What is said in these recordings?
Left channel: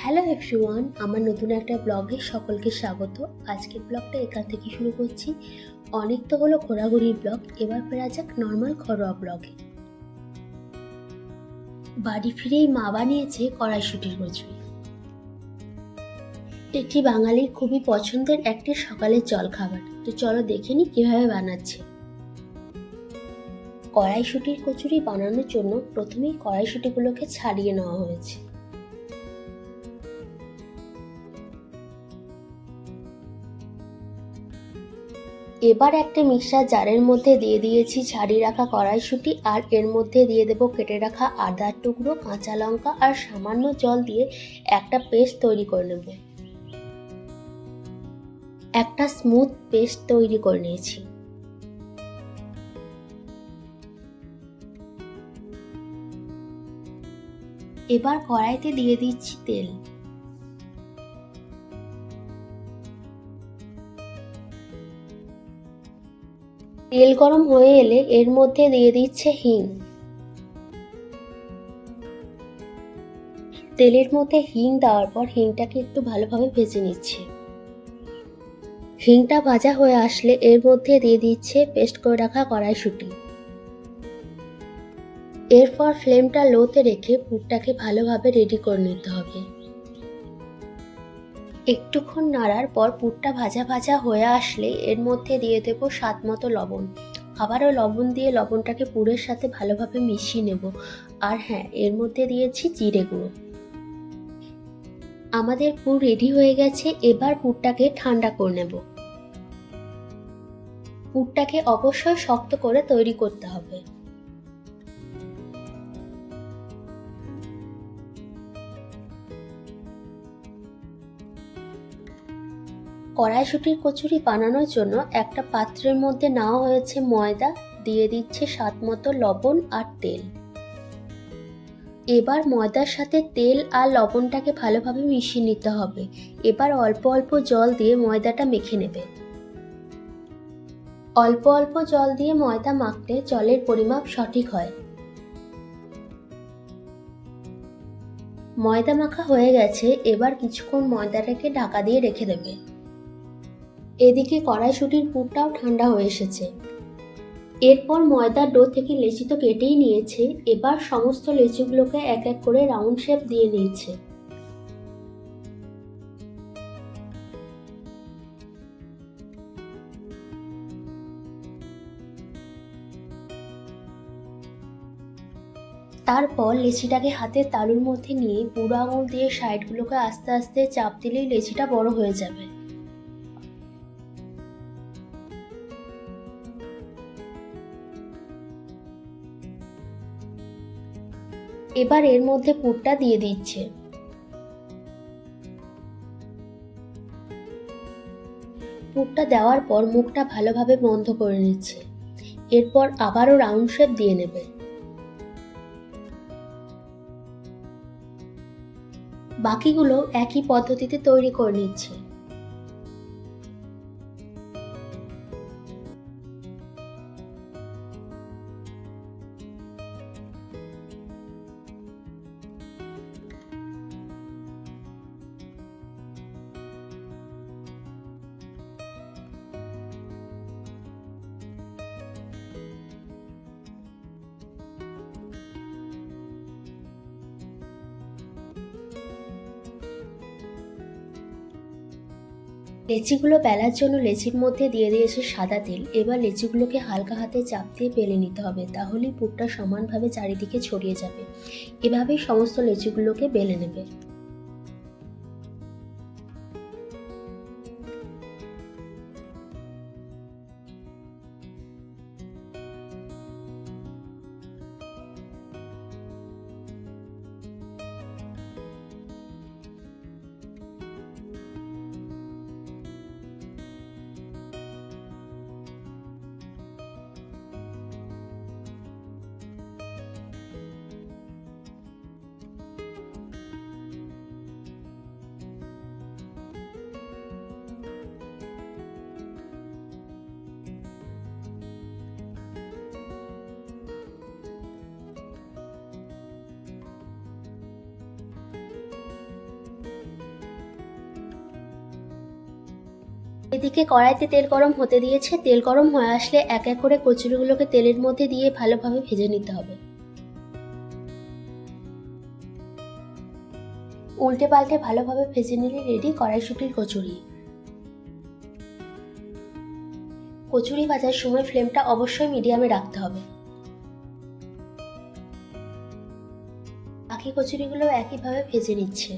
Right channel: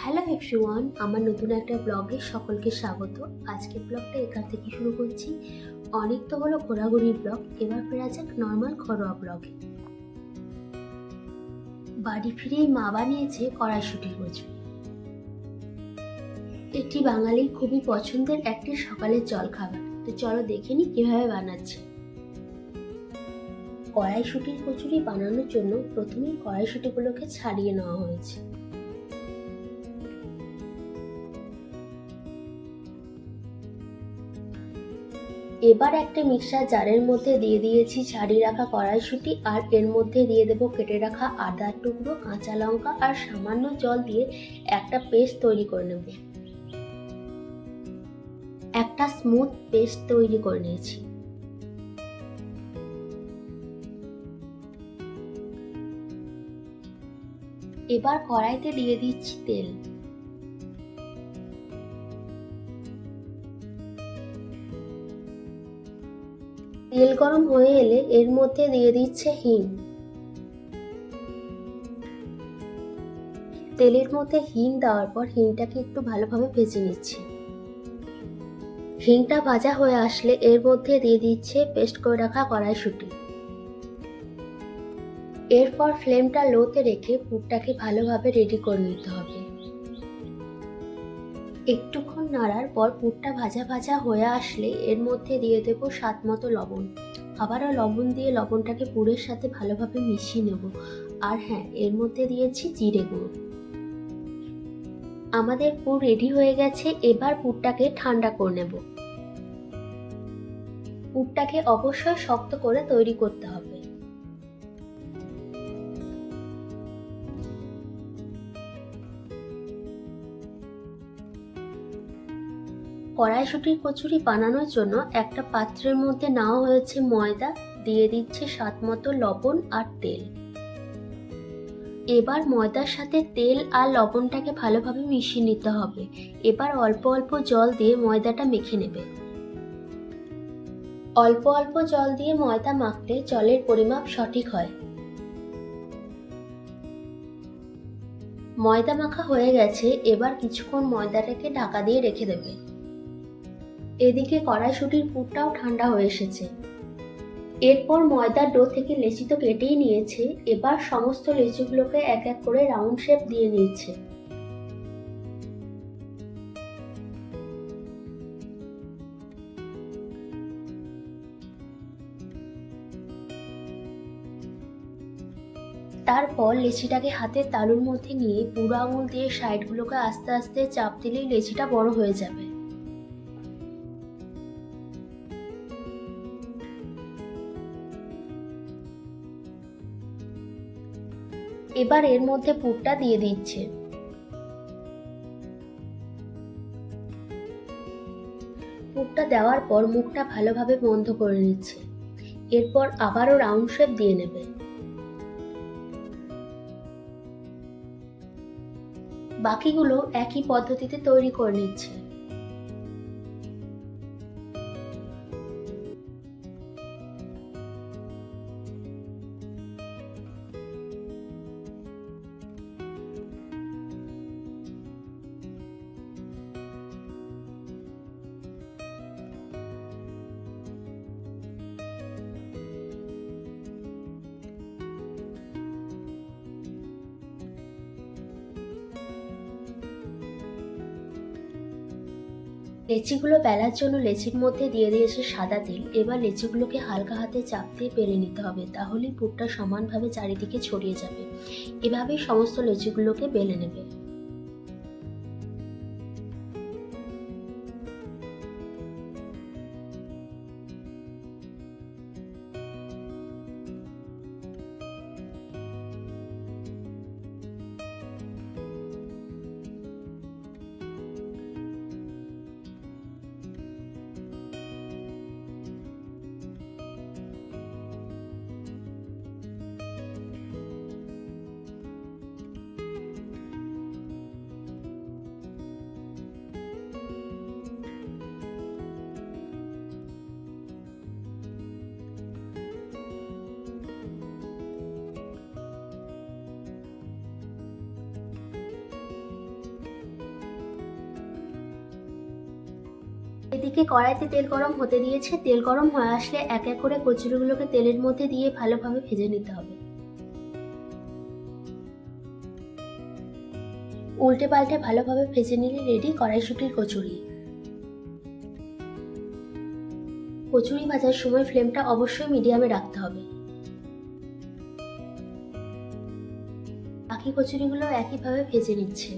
Hello everyone, আমার নতুন একটা ব্লগে সকলকে স্বাগত। আজকের ব্লগটা এখান থেকে শুরু করছি। অনেক তো হলো ঘোরাঘুরির ব্লগ, এবার ফেরা যাক নর্মাল ঘরোয়া ব্লগে। বাড়ি ফিরেই মা বানিয়েছে কড়াইশুঁটির কচুরি। এটি বাঙালির খুবই পছন্দের একটি সকালের জলখাবার। তো চলো দেখে নিই কীভাবে বানাচ্ছে। কড়াইশুঁটির কচুরি বানানোর জন্য প্রথমেই কড়াইশুঁটিগুলোকে ছাড়িয়ে নেওয়া হয়েছে। এবার একটা মিক্সার জারের মধ্যে দিয়ে দিয়েছি ছাড়িয়ে রাখা কড়াইশুঁটি, আর এর মধ্যে দিয়ে দেব কেটে রাখা আদার টুকরো, কাঁচা লঙ্কা আর সামান্য জল দিয়ে একটা পেস্ট তৈরি করে নেব। একটা স্মুথ পেস্ট তৈরি করে নিয়েছি। এবার কড়াইতে দিয়ে দিচ্ছি তেল। তেল গরম হয়ে এলে এর মধ্যে দিয়ে দিচ্ছে হিং। তেলের মধ্যে হিং দেওয়ার পর হিংটাকে একটু ভালোভাবে ভেজে নিচ্ছি। হিংটা ভাজা হয়ে আসলে এর মধ্যে দিয়ে দিচ্ছে পেস্ট করে রাখা কড়াইশুঁটি। এরপর ফ্লেমটা লোতে রেখে পুরটাকে ভালোভাবে রেডি করে নিতে হবে। একটুক্ষণ নাড়ার পর পুরটা ভাজা ভাজা হয়ে আসলে এর মধ্যে দিয়ে দেব স্বাদ মতো লবণ। আবারও লবণ দিয়ে লবণটাকে পুরের সাথে ভালোভাবে মিশিয়ে নেব। আর হ্যাঁ, এর মধ্যে দিয়েছি জিরে গুঁড়ো। আমাদের পুর রেডি হয়ে গেছে। এবার পুরটাকে ঠান্ডা করে নেব। পুরটাকে অবশ্যই শক্ত করে তৈরি করতে হবে। কড়াইশুঁটির কচুরি বানানোর জন্য একটা পাত্রের মধ্যে নেওয়া হয়েছে ময়দা, দিয়ে দিচ্ছে স্বাদ মতো লবণ আর তেল। এবার ময়দার সাথে তেল আর লবণটাকে ভালোভাবে মিশিয়ে নিতে হবে। এবার অল্প অল্প জল দিয়ে ময়দাটা মেখে নেবে। অল্প অল্প জল দিয়ে ময়দা মাখলে জলের পরিমাপ সঠিক হয়। ময়দা মাখা হয়ে গেছে। এবার কিছুক্ষণ ময়দাটাকে ঢাকা দিয়ে রেখে দেবে। এদিকে কড়াইশুঁটির পুরটাও ঠান্ডা হয়ে এসেছে। এরপর ময়দার ডো থেকে লেচি তো কেটেই নিয়েছে। এবার সমস্ত লেচিগুলোকে এক এক করে রাউন্ড শেপ দিয়ে নিচ্ছে। তারপর লেচিটাকে হাতের তালুর মধ্যে নিয়ে বুড়ো আঙুল দিয়ে সাইডগুলোকে আস্তে আস্তে চাপ দিলেই লেচিটা বড় হয়ে যাবে। এবার এর মধ্যে পুরটা দিয়ে দিচ্ছে। পুরটা দেওয়ার পর মুখটা ভালোভাবে বন্ধ করে নিচ্ছে। এরপর আবারও রাউন্ড শেপ দিয়ে নেবে। বাকিগুলো একই পদ্ধতিতে তৈরি করে নিচ্ছে। লেচিগুলো বেলার জন্য লেচির মধ্যে দিয়ে দিয়েছে সাদা তেল। এবার লেচিগুলোকে হালকা হাতে চাপ দিয়ে বেলে নিতে হবে, তাহলেই পুরটা সমানভাবে চারিদিকে ছড়িয়ে যাবে। এভাবেই সমস্ত লেচিগুলোকে বেলে নেবে। এদিকে কড়াইতে তেল গরম হতে দিয়েছে। তেল গরম হয়ে আসলে এক এক করে কচুরিগুলোকে তেলের মধ্যে দিয়ে ভালোভাবে ভেজে নিতে হবে। উল্টে পাল্টে ভালোভাবে ভেজে নিলে রেডি কড়াইশুঁটির কচুরি। কচুরি ভাজার সময় ফ্লেমটা অবশ্যই মিডিয়ামে রাখতে হবে। বাকি কচুরিগুলো একইভাবে ভেজে নিচ্ছে।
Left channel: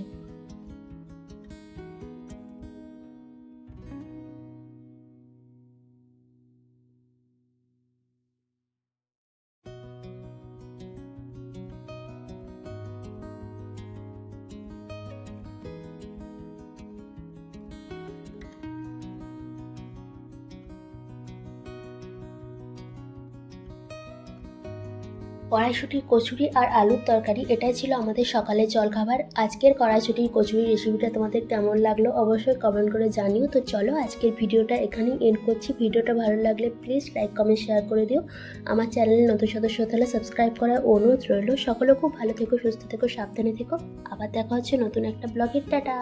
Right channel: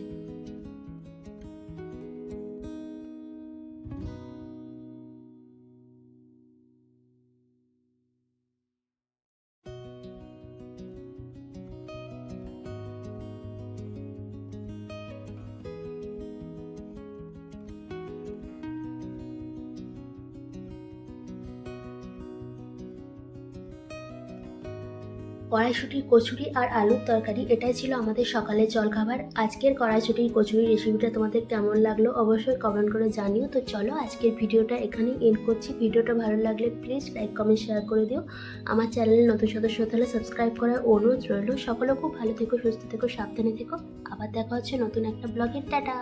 কড়াইশুঁটির কচুরি আর আলুর তরকারি এটাই ছিল আমাদের সকালের জলখাবার। আজকের কড়াইশুঁটির কচুরি রেসিপিটা তোমাদের কেমন লাগলো অবশ্যই কমেন্ট করে জানিও। তো চলো আজকের ভিডিওটা এখানেই এন্ড করছি। ভিডিওটা ভালো লাগলে প্লিজ লাইক কমেন্ট শেয়ার করে দিও। আমার চ্যানেলে নতুন সদস্য হতে হলে সাবস্ক্রাইব করার অনুরোধ রইল। সকলে খুব ভালো থেকো, সুস্থ থেকো, সাবধানে থেকো। আবার দেখা হচ্ছে নতুন একটা ব্লগে। টাটা।